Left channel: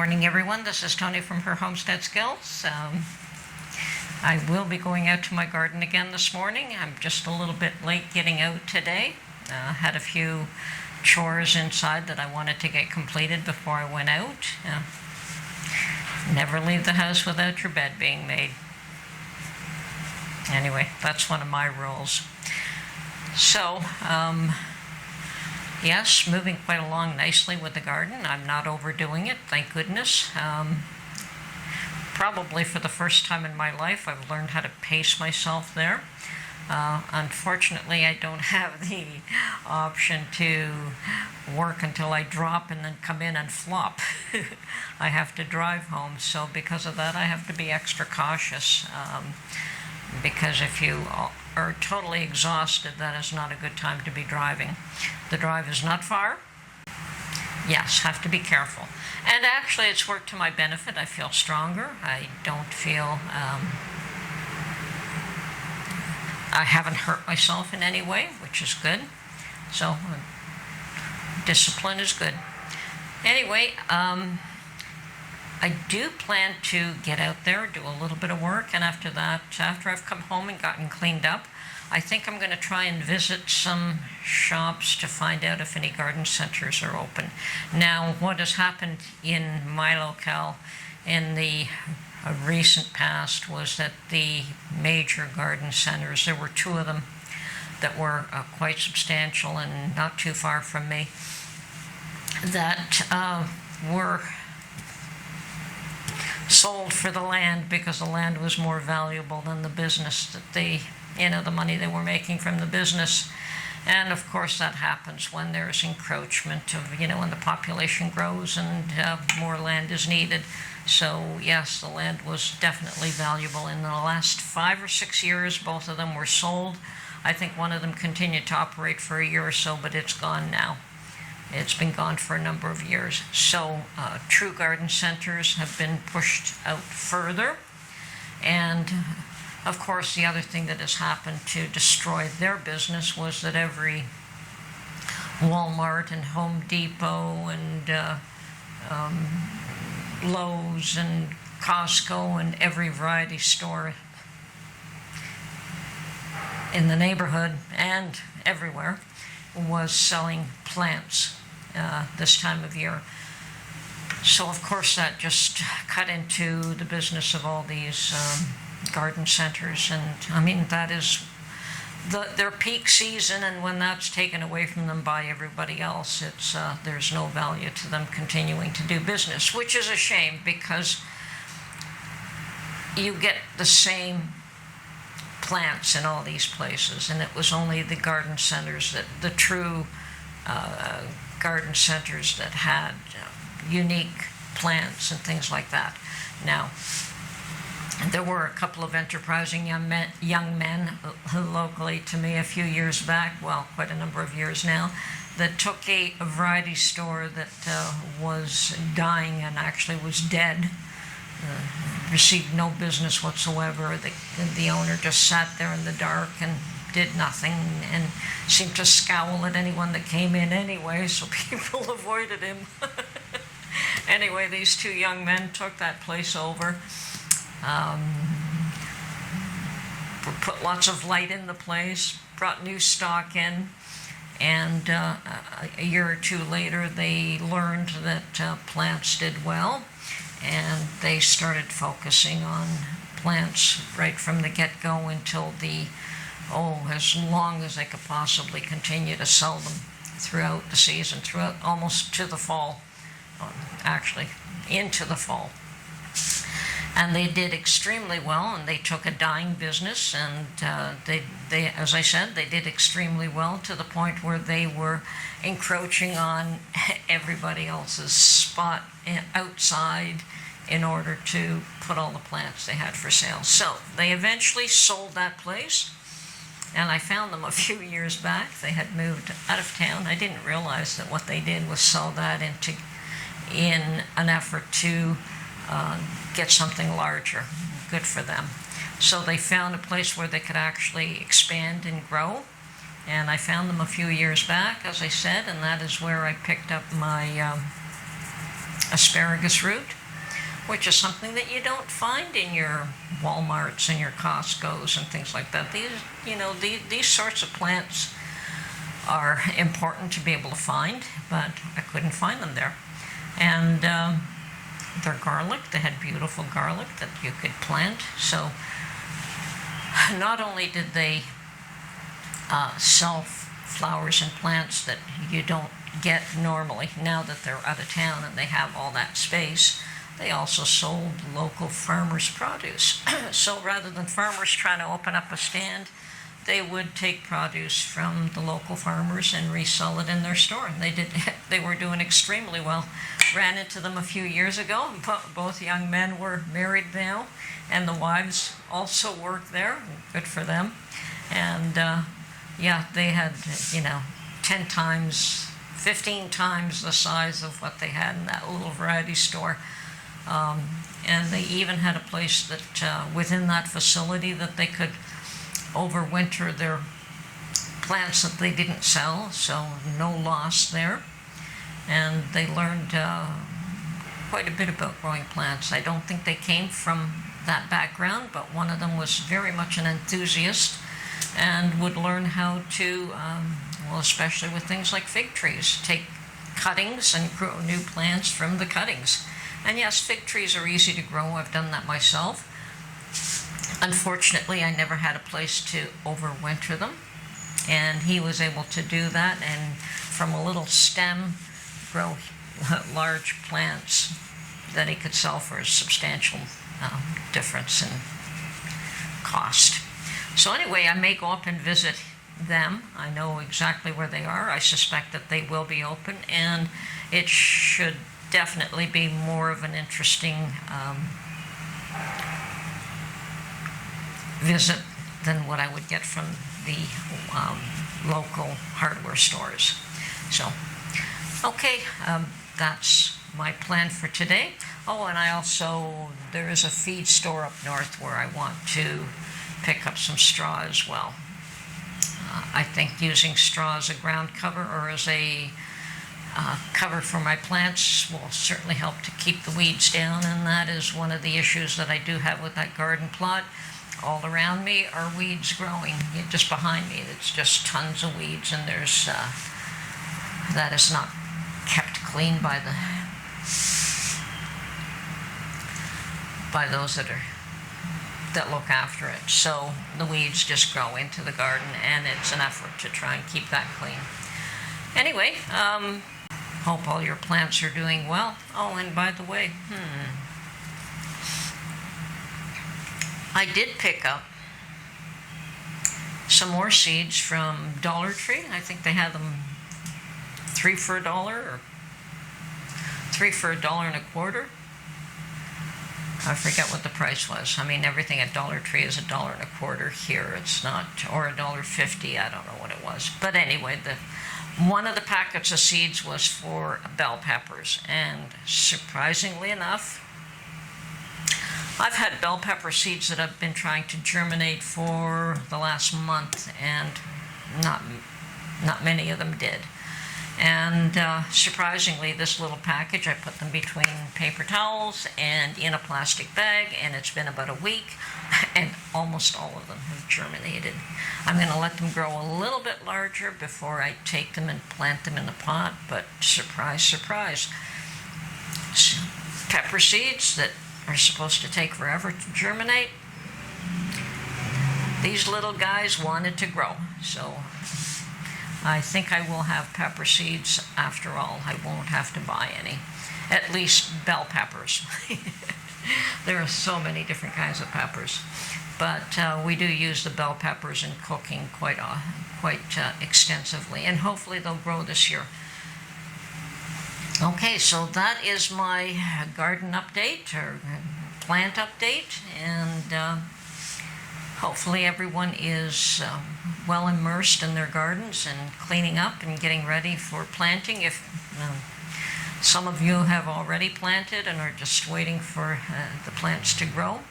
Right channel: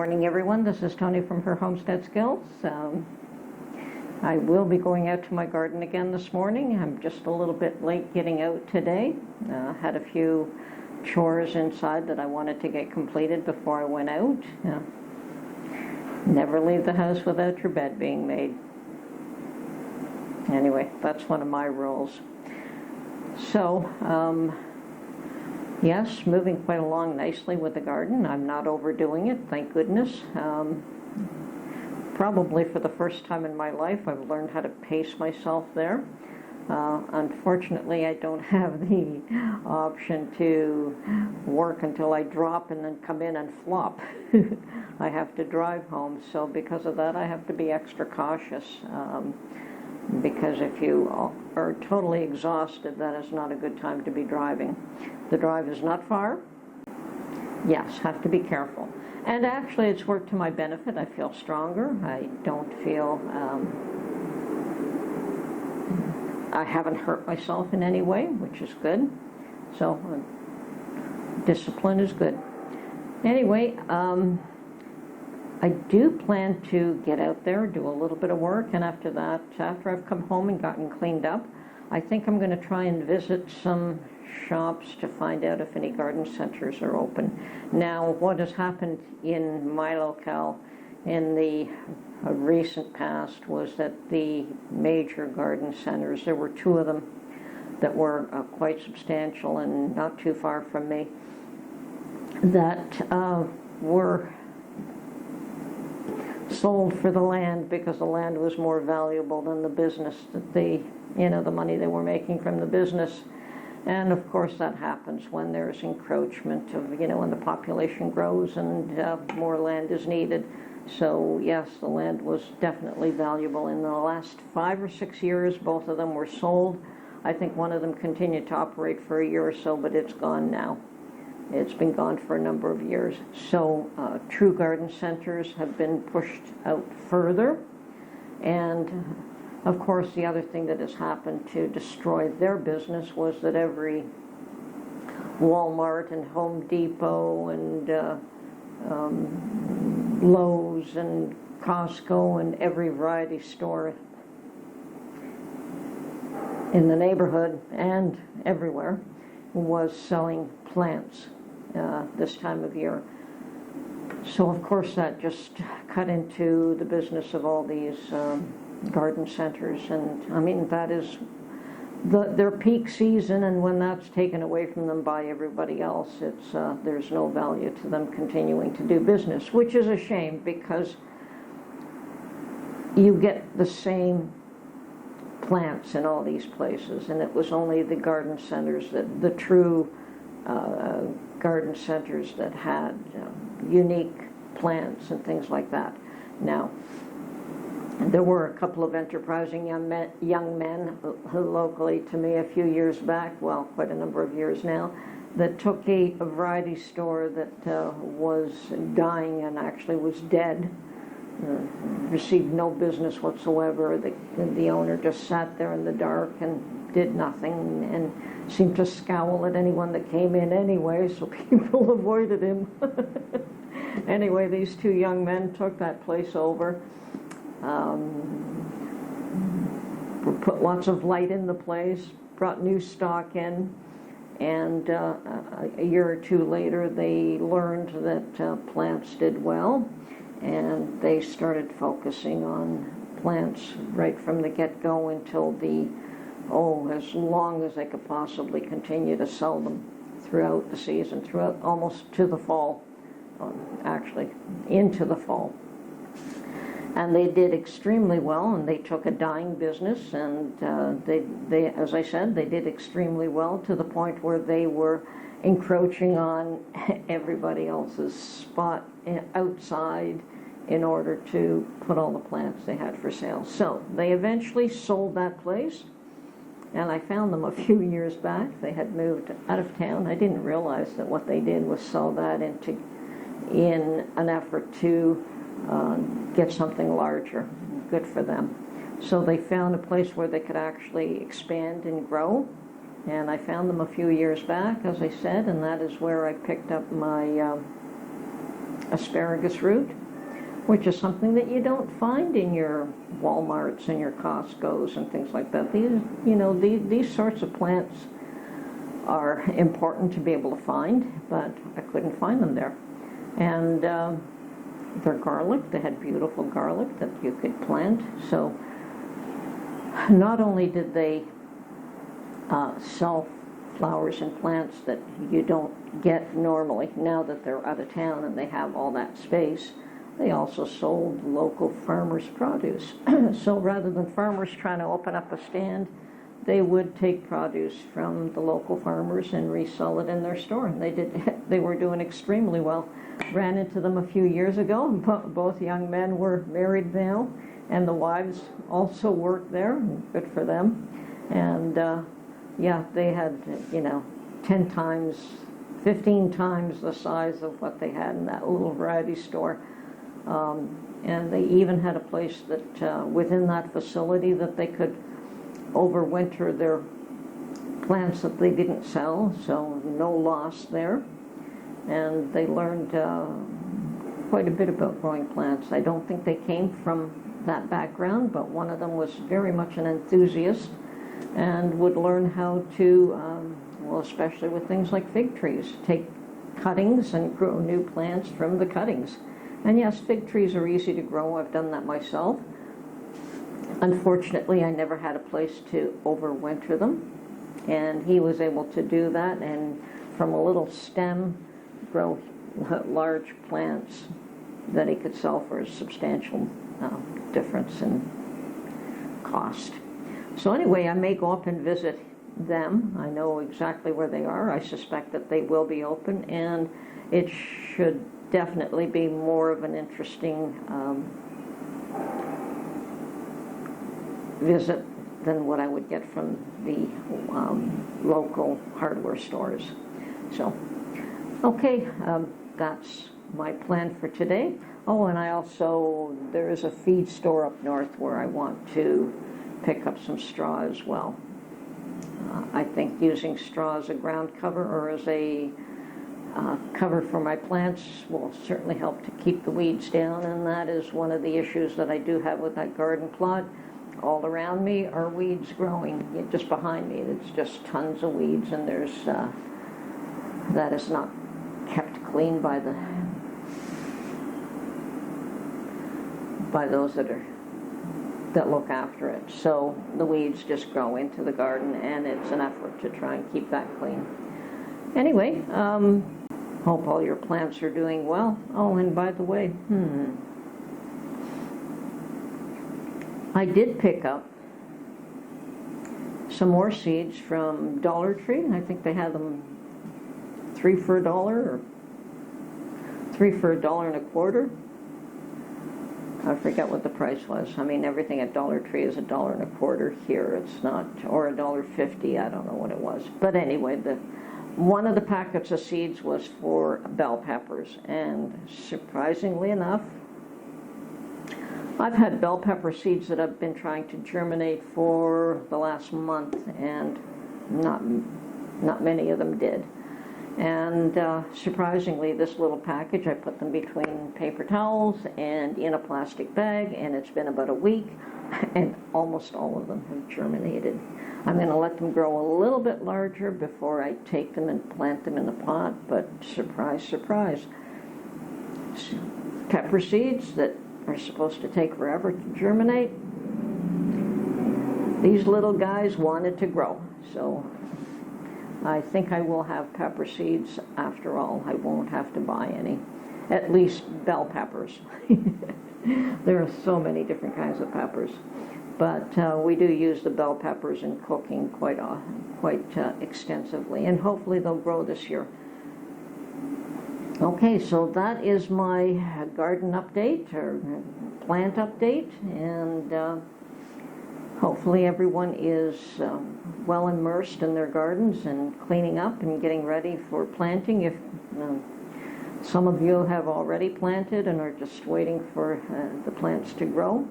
morning, everyone. This is Tony from her Homestead Skills. I will be going out to my garden again this morning. I'm just a little bit late getting out today. Had a few chores inside that I wanted to get completed before I went out. Never leave the house without your bed being made. Anyway, that's one of my rules. So, yes, moving quite along nicely with the garden. I'm not overdoing it, thank goodness. Probably for the first time in my life, I've learned how to pace myself there. Unfortunately, I don't have the option to work until I drop and then come in and flop. I have to drive home, so because of that, I have to be extra cautious. Because if you are totally exhausted, that is not a good time to be driving. The drive is not far. Yes, have to be careful. And actually, it's worked to my benefit. I feel stronger. I don't feel... I haven't hurt myself in any way, which is good. So, discipline is good. Anyway, I do plan to get out there, do a little bit of work, and after that, after I've come home and gotten cleaned up, I think I'm going to try and visit some shops to find out if any garden centers are open. Now, what has happened in my locale in the recent past was that the major garden centers, there were two of them that were quite substantial and not too far from me, that were sold for the land because the land was more valuable than the business that the money they were making from the business. And of course that happens when there's encroachment of, when the population grows and more land is needed. So yes, the land was definitely valuable. In the last 5 or 6 years, both of them were sold. I think one of them continued to operate for a year or so, but it's gone now. It's been gone for a number of years. So true garden centers have been pushed out further. And of course, the other thing that has happened to destroy their business was that every Walmart and Home Depot and Lowe's and Costco and every variety store in the neighborhood and everywhere was selling plants this time of year. So of course that just cut into the business of all these garden centers, and I mean that is their peak season, and when that's taken away from them by everybody else, it's there's no value to them continuing to do business, which is a shame because you get the same plants in all these places, and it was only the garden centers, that the true garden centers that had unique plants and things like that. Now, there were a couple of enterprising young men locally to me a few years back, well, quite a number of years now, that took a variety store that was dying and actually was dead. Received no business whatsoever. The owner just sat there in the dark and did nothing and seemed to scowl at anyone that came in anyway, so people avoided him. Anyway, these two young men took that place over. Put lots of light in the place, brought new stock in, and a year or two later they learned that plants did well, and they started focusing on plants right from the get-go until as long as they could possibly continue to sell them throughout the season, throughout almost to the fall, actually into the fall. And they did extremely well, and they took a dying business, and they, as I said, they did extremely well to the point where they were encroaching on everybody else's spot outside in order to put all the plants they had for sale. So they eventually sold that place, and I found them a few years back. They had moved out of town. I didn't realize that what they did was sell that in an effort to get something larger. Good for them. So they found a place where they could actually expand and grow, and I found them a few years back, as I said, and that is where I picked up my asparagus root, which is something that you don't find in your Walmarts and your Costco's and things like that. These sorts of plants are important to be able to find, but I couldn't find them there. And their garlic, they had beautiful garlic that you could plant. So not only did they sell flowers and plants that you don't get normally now that they're out of town and they have all that space, they also sold local farmers' produce. So rather than farmers trying to open up a stand, they would take produce from the local farmers and resell it in their store. And they were doing extremely well. Ran into them a few years ago. Both young men were married now, and the wives also worked there. Good for them. And yeah, they had 10 times, 15 times the size of what they had in that little variety store. And they even had a place that within that facility that they could overwinter their plants that they didn't sell, so no loss there. And they learned quite a bit about growing plants. I don't think they came from that background, but one of them was very much an enthusiast and would learn how to, especially with things like fig trees, take cuttings and grow new plants from the cuttings. And yes, fig trees are easy to grow. I've done that myself. Unfortunately, I never had a place to overwinter them, and he was able to do that, and from a little stem grow large plants that he could sell for a substantial difference in cost. So anyway, I may go up and visit them. I know exactly where they are. I suspect that they will be open, and it should definitely be more of an interesting visit than what I would get from the local hardware stores. So, okay, that's my plan for today. Oh, and there is a feed store up north where I want to pick up some straw as well. I think using straw as a ground cover or as a cover for my plants will certainly help to keep the weeds down, and that is one of the issues that I do have with that garden plot. All around me are weeds growing. Just behind me, it's just tons of weeds, and there's that is not kept clean by those that look after it. So the weeds just grow into the garden, and it's an effort to try and keep that clean. Anyway, hope all your plants are doing well. Oh, and by the way, I did pick up some more seeds from Dollar Tree. I think they had them 3 for $1 or 3 for $1.25. I forget what the price was. I mean, everything at Dollar Tree is $1.25 here. It's not, or $1.50. I don't know what it was. But anyway, one of the packets of seeds was for bell peppers, and surprisingly enough, I've had bell pepper seeds that I've been trying to germinate for the last month, and not many of them did. And surprisingly, this little package, I put them between paper towels and in a plastic bag, and it's been about a week, and almost all of them have germinated. I'm going to let them grow a little bit larger before I take them and plant them in the pot, but surprise, surprise. Pepper seeds that are supposed to take forever to germinate, these little guys wanted to grow. So I think I will have pepper seeds after all. I won't have to buy any, at least bell peppers. There are so many different kinds of peppers, but we do use the bell peppers in cooking quite extensively, and hopefully they'll grow this year. Okay, so that is my garden update or plant update, and hopefully everyone is well immersed in their gardens and cleaning up and getting ready for planting. If some of you have already planted and are just waiting for the plants to grow.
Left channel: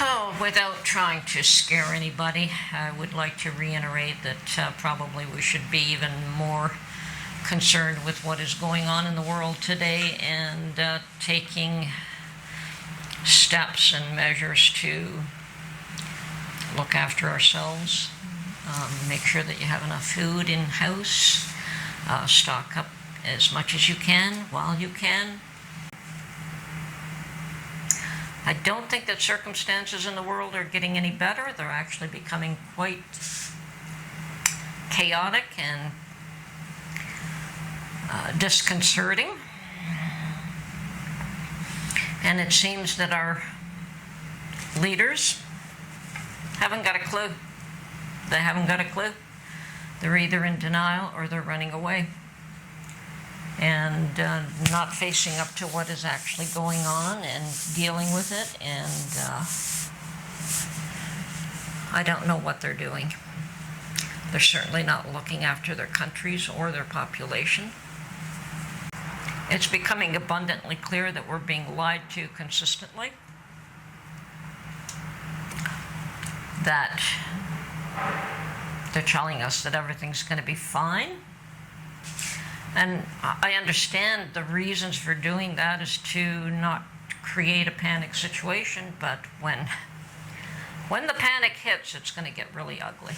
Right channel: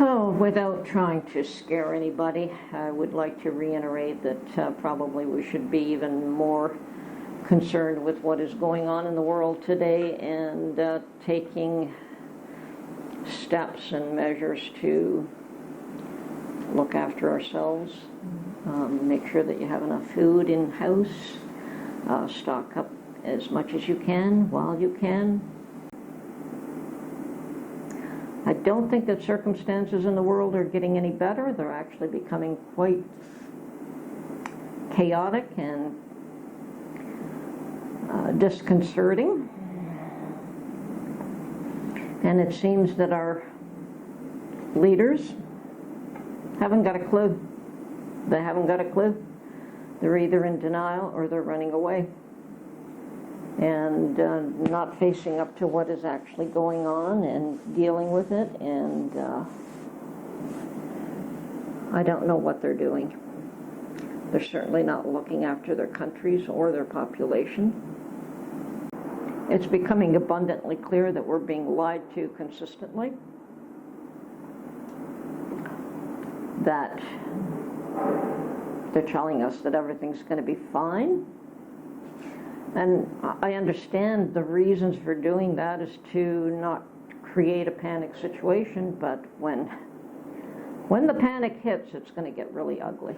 Oh, without trying to scare anybody, I would like to reiterate that probably we should be even more concerned with what is going on in the world today and taking steps and measures to look after ourselves, make sure that you have enough food in-house, stock up as much as you can while you can. I don't think that circumstances in the world are getting any better. They're actually becoming quite chaotic and disconcerting. And it seems that our leaders haven't got a clue. They haven't got a clue. They're either in denial or they're running away and not facing up to what is actually going on and dealing with it. And I don't know what they're doing. They're certainly not looking after their countries or their population. It's becoming abundantly clear that we're being lied to consistently, that they're telling us that everything's going to be fine. And I understand the reasons for doing that is to not create a panic situation, but when the panic hits, it's going to get really ugly.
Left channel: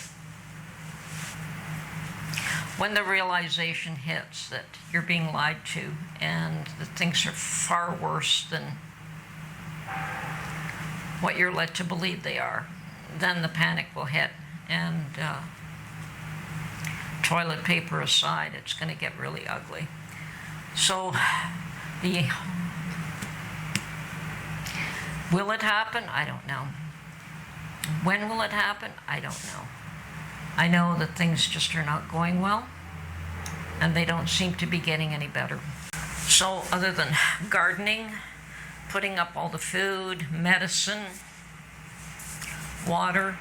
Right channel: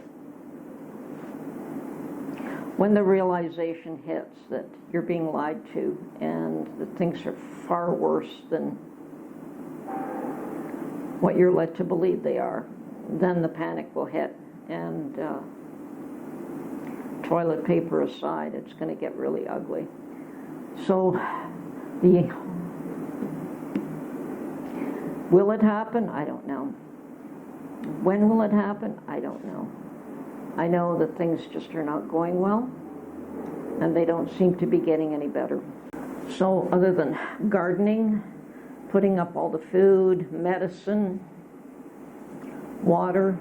When the realization hits that you're being lied to and that things are far worse than what you're led to believe they are, then the panic will hit. And toilet paper aside, it's going to get really ugly. So, will it happen? I don't know. When will it happen? I don't know. I know that things just are not going well, and they don't seem to be getting any better. So, other than gardening, putting up all the food, medicine, water,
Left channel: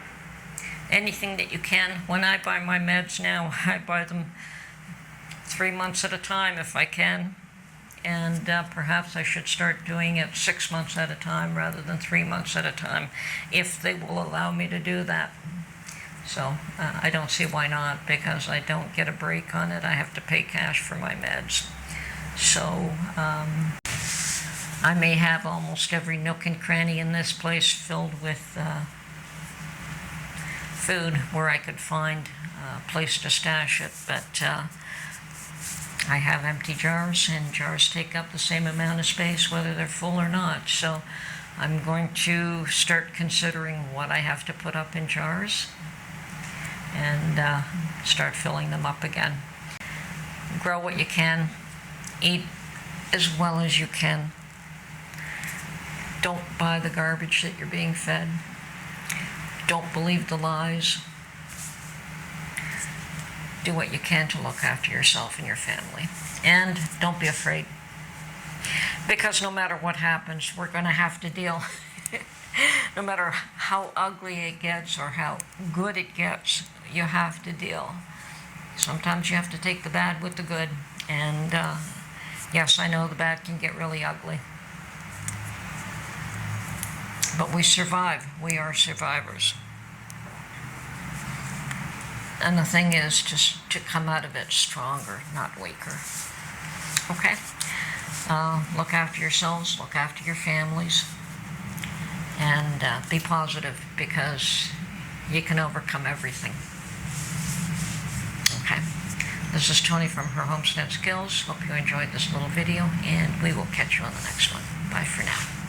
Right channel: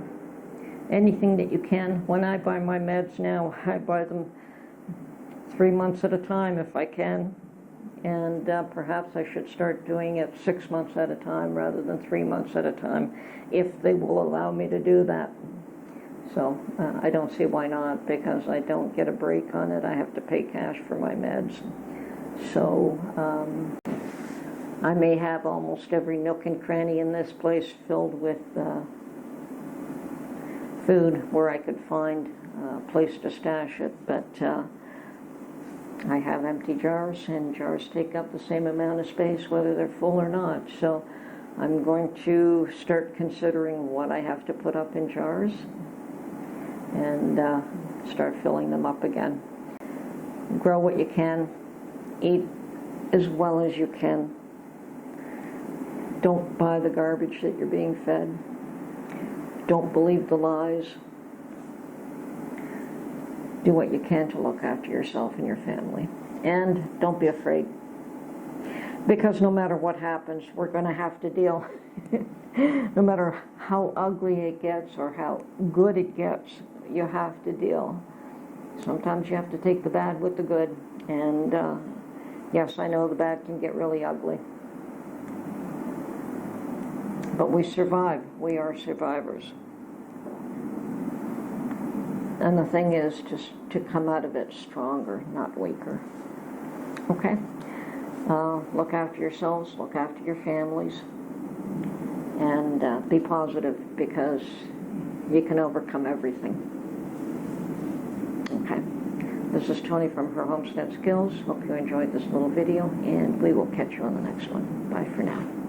anything that you can. When I buy my meds now, I buy them 3 months at a time if I can. And perhaps I should start doing it 6 months at a time rather than 3 months at a time, if they will allow me to do that. So I don't see why not, because I don't get a break on it. I have to pay cash for my meds. So I may have almost every nook and cranny in this place filled with food where I could find a place to stash it, but I have empty jars, and jars take up the same amount of space whether they're full or not. So I'm going to start considering what I have to put up in jars and start filling them up again. Grow what you can, eat as well as you can. Don't buy the garbage that you're being fed. Don't believe the lies. Do what you can to look after yourself and your family. And don't be afraid. Because no matter what happens, we're going to have to deal. No matter how ugly it gets or how good it gets, you have to deal. Sometimes you have to take the bad with the good. And yes, I know the bad can get really ugly. But we survive. We are survivors. And the thing is just to come out of it stronger, not weaker. Okay? Look after yourselves, look after your families, and be positive, because you can overcome everything. Okay? This is Tony from Her Homestead Skills. Hope you enjoyed this little video, and we will catch you on the next one. Bye for now.